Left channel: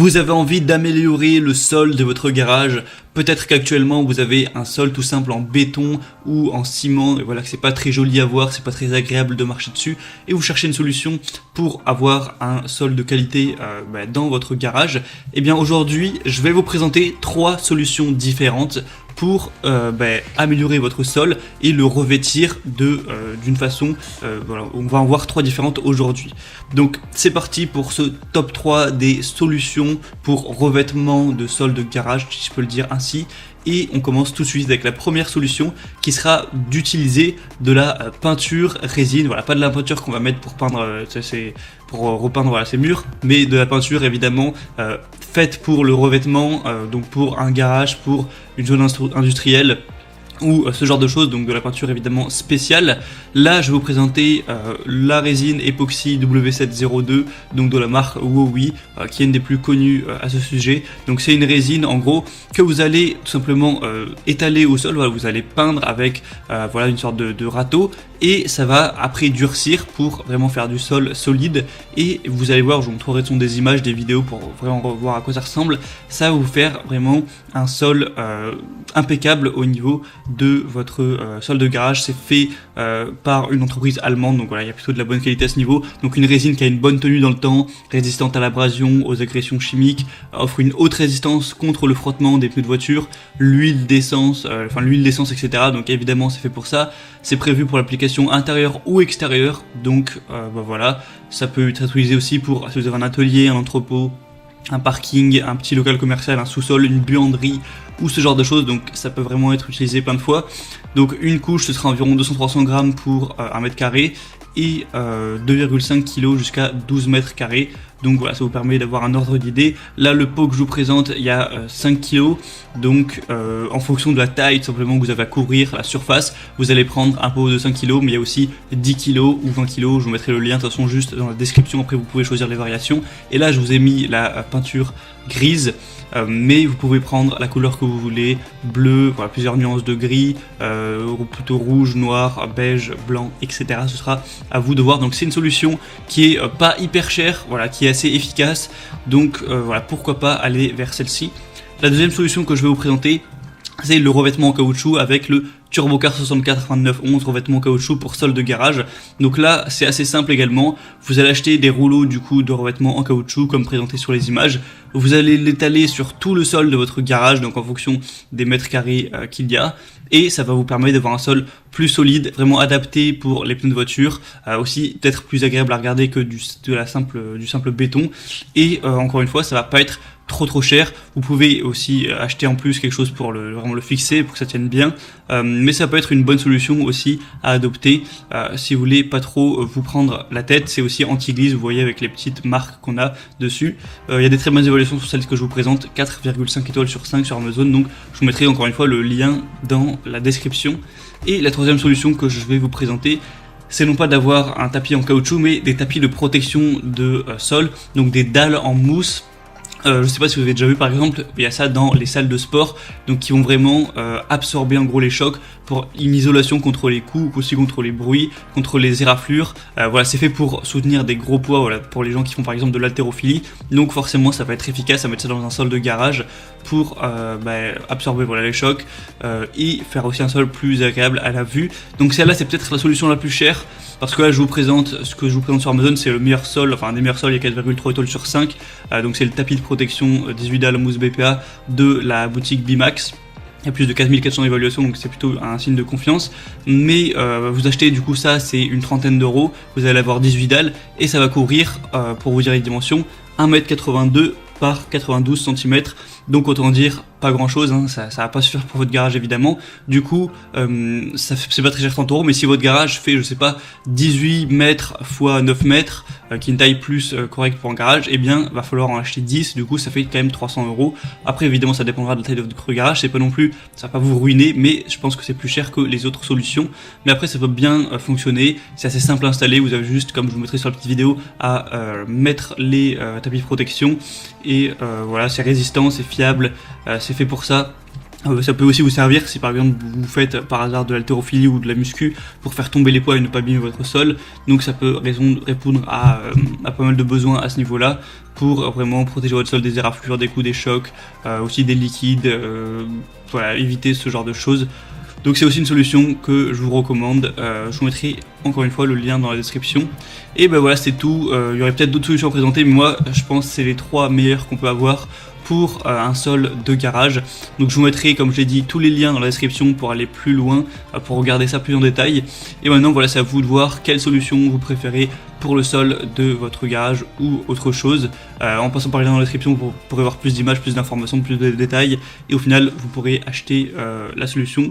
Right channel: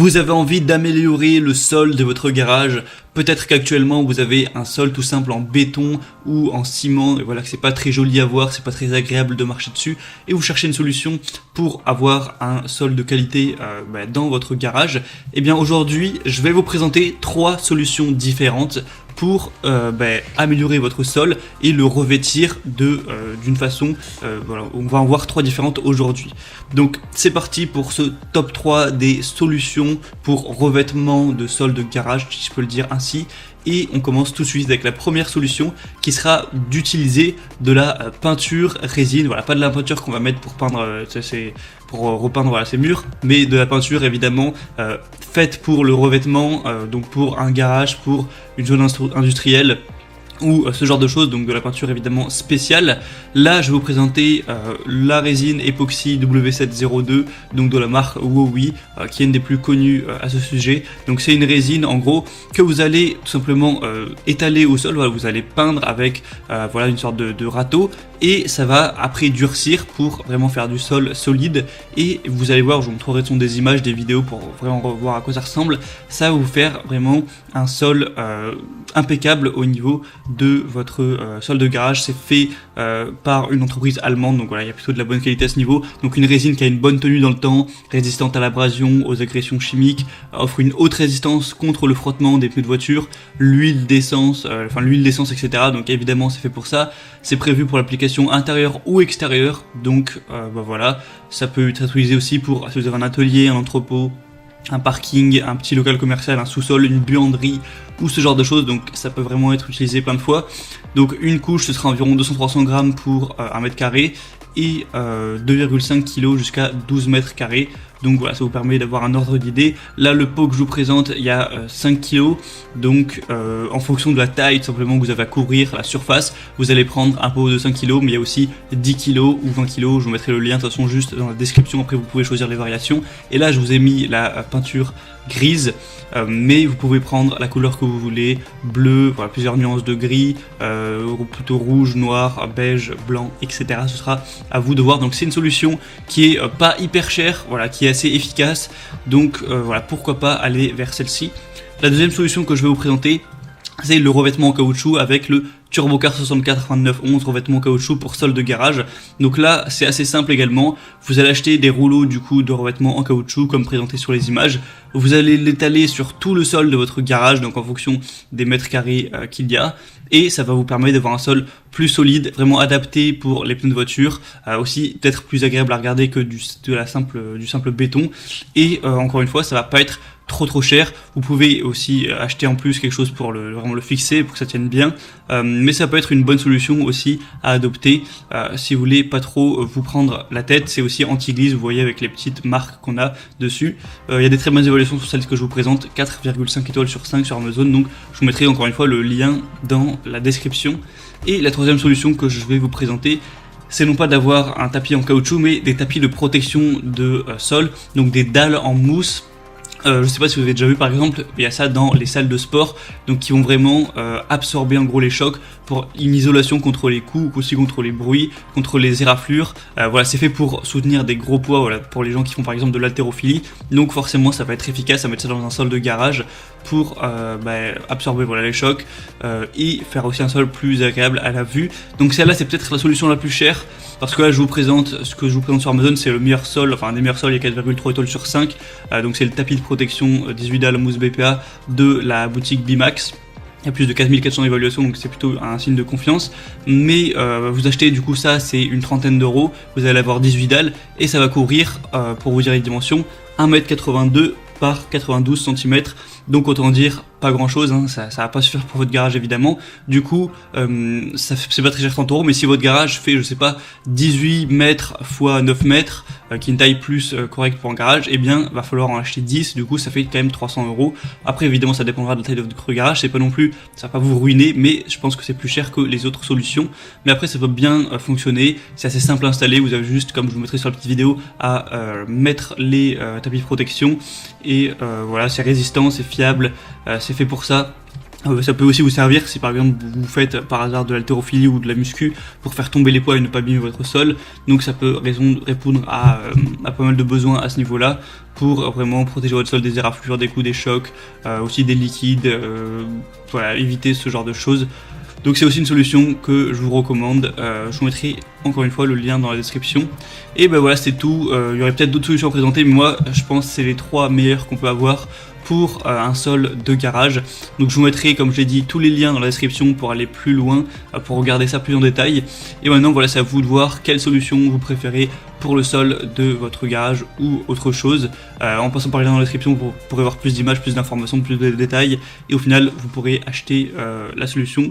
Vous avez envie d'améliorer le sol de votre garage. Peut-être qu'actuellement vous avez un sol tout simple en béton ou en ciment, et voilà que c'est pas très joli à voir, c'est pas très agréable de marcher dessus, et vous cherchez une solution pour avoir un sol de qualité dans votre garage. Et bien aujourd'hui, je vais vous présenter 3 solutions différentes pour améliorer votre sol et le revêtir d'une façon. On va en voir 3 différentes aujourd'hui. Donc c'est parti pour ce top 3 des solutions pour revêtement de sol de garage, si je peux le dire ainsi. Et on commence tout de suite avec la première solution qui sera d'utiliser de la peinture résine. Voilà, pas de la peinture qu'on va mettre pour peindre, pour repeindre ces murs, mais de la peinture évidemment faite pour le revêtement, donc pour un garage, pour une zone industrielle ou ce genre de choses, donc de la peinture évidemment spéciale. Là je vais vous présenter la résine époxy W702, donc de la marque Wowi, qui est une des plus connues à ce sujet. Donc c'est une résine en gros que vous allez tout simplement étaler au sol. Voilà, vous allez peindre avec une sorte de râteau, et ça va après durcir pour vraiment faire du sol solide. Et vous allez voir, je vous montrerai des images, des vidéos pour vraiment voir à quoi ça ressemble. Ça va vous faire vraiment un sol impeccable au niveau de votre sol de garage. C'est fait par une entreprise allemande, donc voilà, il y a plutôt de la bonne qualité à ce niveau. Donc une résine qui a une bonne tenue dans le temps, résistante à l'abrasion, aux agressions chimiques, offre une haute résistance contre le frottement des pneus de voiture, l'huile d'essence, etc. Donc évidemment c'est fait pour ça. C'est prévu pour l'application intérieure ou extérieure. Donc voilà, ça peut être utilisé aussi pour si vous avez un atelier, un entrepôt, un parking, un petit local commercial, un sous-sol, une buanderie ou ce genre de choses. Donc ça peut vraiment être utilisé plein de fois. Donc une couche, ce sera environ 200-300 grammes pour 1 mètre carré, et 2,5 kg jusqu'à 12 mètres carrés. Donc ça vous permet d'avoir une ordre d'idée. Là le pot que je vous présente, il y a 5 kg. Donc en fonction de la taille tout simplement que vous avez à couvrir à la surface, vous allez prendre un pot de 5 kg, mais il y a aussi 10 kg ou 20 kg. Je vous mettrai le lien de toute façon juste dans la description, après vous pouvez choisir les variations. Et là je vous ai mis la peinture grise, mais vous pouvez prendre la couleur que vous voulez, bleu, plusieurs nuances de gris, plutôt rouge, noir, beige, blanc, etc. Ce sera à vous de voir. Donc c'est une solution qui est pas hyper chère, voilà, qui est assez efficace. Donc voilà, pourquoi pas aller vers celle-ci. La deuxième solution que je vais vous présenter, c'est le revêtement en caoutchouc avec le Turbocar 64-2911, revêtement en caoutchouc pour sol de garage. Donc là, c'est assez simple également. Vous allez acheter des rouleaux de revêtement en caoutchouc comme présenté sur les images. Vous allez l'étaler sur tout le sol de votre garage, donc en fonction des mètres carrés qu'il y a, et ça va vous permettre d'avoir un sol plus solide, vraiment adapté pour les pneus de voiture, aussi peut-être plus agréable à regarder que du simple béton. Et encore une fois, ça va pas être trop cher. Vous pouvez aussi acheter en plus quelque chose pour vraiment le fixer, pour que ça tienne bien. Mais ça peut être une bonne solution aussi à adopter si vous voulez pas trop vous prendre la tête. C'est aussi anti-glisse, vous voyez, avec les petites marques qu'on a dessus. Il y a des très bonnes évaluations sur celle que je vous présente, 4,5 étoiles sur 5 sur Amazon. Donc je vous mettrai encore une fois le lien dans la description. Et la troisième solution que je vais vous présenter, c'est non pas d'avoir un tapis en caoutchouc, mais des tapis de protection de sol, donc des dalles en mousse. Je sais pas si vous avez déjà vu, par exemple, il y a ça dans les salles de sport, donc qui vont vraiment absorber en gros les chocs pour une isolation contre les coups, aussi contre les bruits, contre les éraflures. Voilà, c'est fait pour soutenir des gros poids, voilà, pour les gens qui font par exemple de l'haltérophilie. Donc forcément, ça va être efficace à mettre ça dans un sol de garage pour absorber les chocs et faire aussi un sol plus agréable à la vue. Donc celle-là, c'est peut-être la solution la plus chère, parce que là, ce que je vous présente sur Amazon, c'est le meilleur sol, enfin un des meilleurs sols, il y a 4,3 étoiles sur 5. Donc c'est le tapis de protection 18 dalles mousse BPA de la boutique Bimax. Il y a plus de 4400 évaluations, donc c'est plutôt un signe de confiance. Mais vous achetez du coup ça, c'est une trentaine d'euros. Vous allez avoir 18 dalles et ça va couvrir, pour vous dire les dimensions, 1m82 par 92 cm. Donc autant dire pas grand chose, hein, ça va pas se faire pour votre garage évidemment. Du coup, c'est pas très cher 30 euros, mais si votre garage fait, je sais pas, 18 mètres x 9 mètres, qui est une taille plus correcte pour un garage, eh bien, va falloir en acheter 10, du coup, ça fait quand même 300 euros. Après, évidemment, ça dépendra de la taille de votre garage, c'est pas non plus, ça va pas vous ruiner, mais je pense que c'est plus cher que les autres solutions. Mais après, ça va bien fonctionner, c'est assez simple à installer, vous avez juste, comme je vous mettrai sur la petite vidéo, à mettre les tapis de protection, et voilà, c'est résistant, c'est fiable, c'est fait pour ça. Ça peut aussi vous servir si par exemple vous faites par hasard de l'haltérophilie ou de la muscu pour faire tomber les poids et ne pas abîmer votre sol. Donc ça peut répondre à pas mal de besoins à ce niveau-là pour vraiment protéger votre sol des éraflures, des coups, des chocs, aussi des liquides, voilà, éviter ce genre de choses. Donc c'est aussi une solution que je vous recommande. Je vous mettrai encore une fois le lien dans la description. Et ben voilà, c'est tout. Il y aurait peut-être d'autres solutions à présenter, mais moi je pense que c'est les 3 meilleures qu'on peut avoir pour un sol de garage. Donc je vous mettrai, comme je l'ai dit, tous les liens dans la description pour aller plus loin, pour regarder ça plus en détail. Et maintenant voilà, c'est à vous de voir quelle solution vous préférez pour le sol de votre garage ou autre chose. En passant par les liens dans la description, vous pourrez voir plus d'images, plus d'informations, plus de détails, et au final vous pourrez acheter la solution